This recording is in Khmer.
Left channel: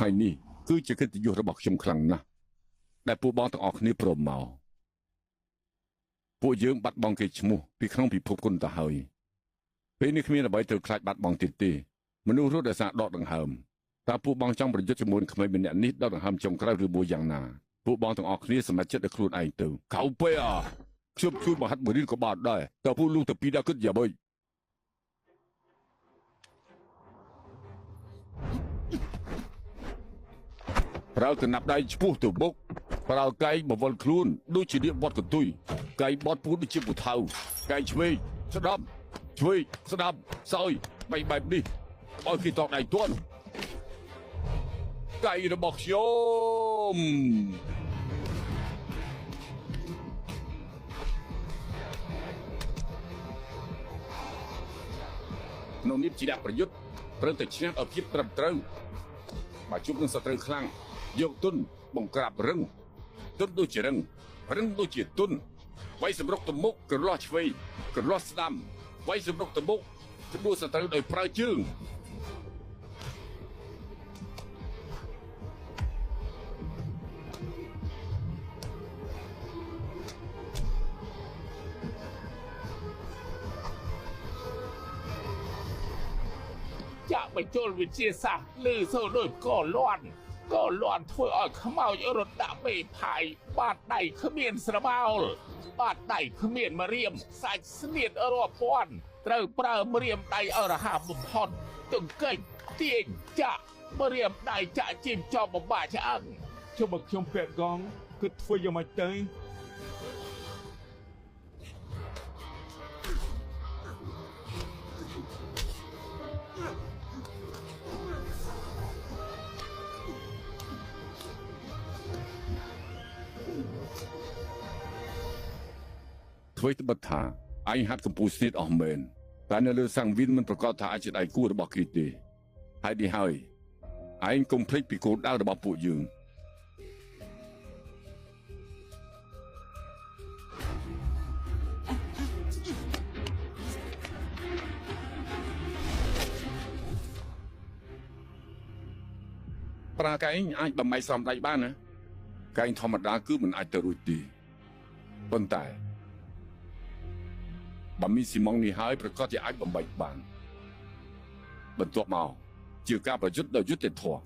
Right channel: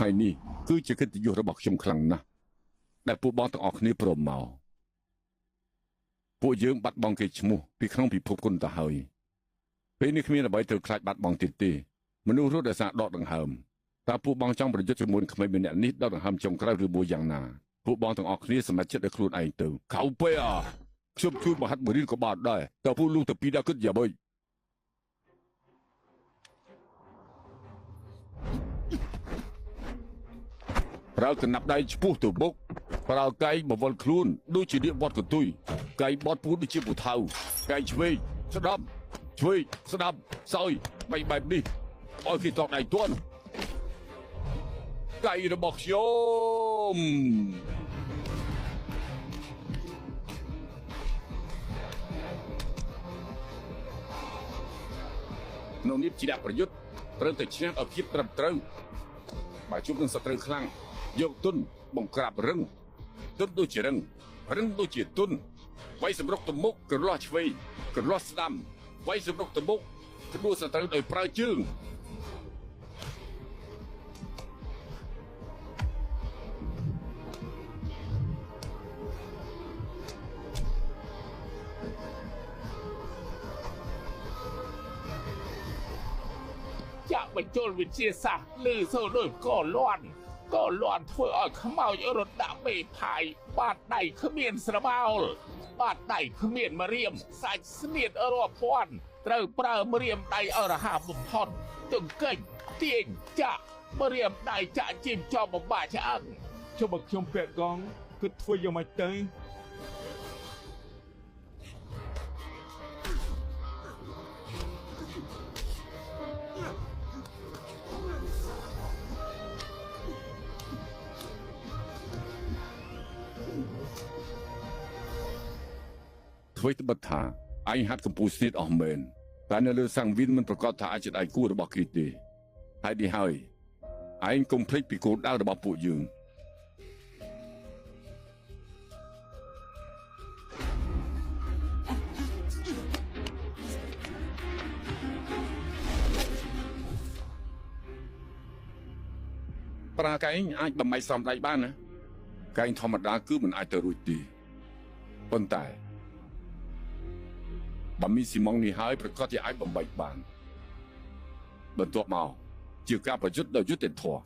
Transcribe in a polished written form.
ថ្ងៃនេះគឺជាកិត្តិយសរបស់ខ្ញុំខ្លាំងណាស់ដែលពួកបងទាំងអស់គ្នាព្រមមកពួកយើងបាត់បង់គេឈ្មោះពីក្នុងពិភពគុណទៅហើយពេលនេះគ្មានអ្វីត្រូវខ្លាចបាត់បង់ទៀតទេមនុស្សរត់ដោយសារដកដង្ហើមតើពួកបងចង់ប្រយុទ្ធជាមួយក្មេងម្នាក់នេះដកដង្ហើមចុងក្រោយឬមួយយ៉ាងណាពួកបងទាំងអស់គ្នាសម្រេចចិត្តឲ្យខ្លួនឯងទៅកៅពេខ្ញុំជួយមហាត់បរិនក៏បានដែរតើពួកលោកទៅពីដល់គិតយ៉ាងម៉េចប្រើកណាប់ដៃឈ្មោះទៅបុកប្រើកែងបវល់ខ្លួនដូចជានាងវត្តកន្ទុយកែងបត់ពួនដូចជាពូថៅកែងឆ្វេងស្ដាប់ឆ្វេងស្ដាប់សោយបែបនេះឲ្យគេតដៃទាន់កែងរបស់ខ្ញុំនៅនេះជាអ្នកប្រយុទ្ធត្រូវតែឈ្នះឲ្យភាពត្រឹមត្រូវមកជួបនឹងសត្រូវខ្លាំងយកទុនបង្ក្រាបរឹងទុនដូចជារឹងដូចជាទុនໄວសម្រុកទៅមុខក្រឡោះឆ្វេងក្រឡោះស្ដាំໄວសម្រុកទៅមុខទទួលសត្រូវដោយប្រើជើងចាក់បញ្ចូលវិទ្យាសាស្ត្រលើសូលដូចក៏លាន់ធ្វើឲ្យខ្មោចរត់ដាក់មេផាយបាតដៃគ្មានស្រមោលបាតដៃគ្មានម្រាមសាច់ស្នៀតរាប់ពាន់ត្រូវប្រើម្រាមដៃអរហាបំផុតទង្កិចទាញចាក់ម្រាមដៃចាក់ជីមចោលបំបាឆ្អឹងចុះបើខ្ញុំពាក់កងគឺធ្វើយ៉ាងម៉េចទៅធ្វើត្បិតថាអញហាត់កម្ពុជាស្នៀតអស់មែនតែនៅលើសង្វៀនមិនប្រកាសថាអាចជាដៃគូរបស់គេទេហើយនេះហើយឯងកុំភ្លេចពីគោលដៅរបស់ពួកយើងប្រើកែងអាចបំបីសំដៃបានណាកែងធម្មតាគឺមិនអាចទៅរួចទេប៉ុន្តែបើមានស៊ីម៉ុងនេះហើយប្រកាសជាអាចបំបីបានបន្ទាប់មកជាការប្រយុទ្ធដោយយុត្តិធម៌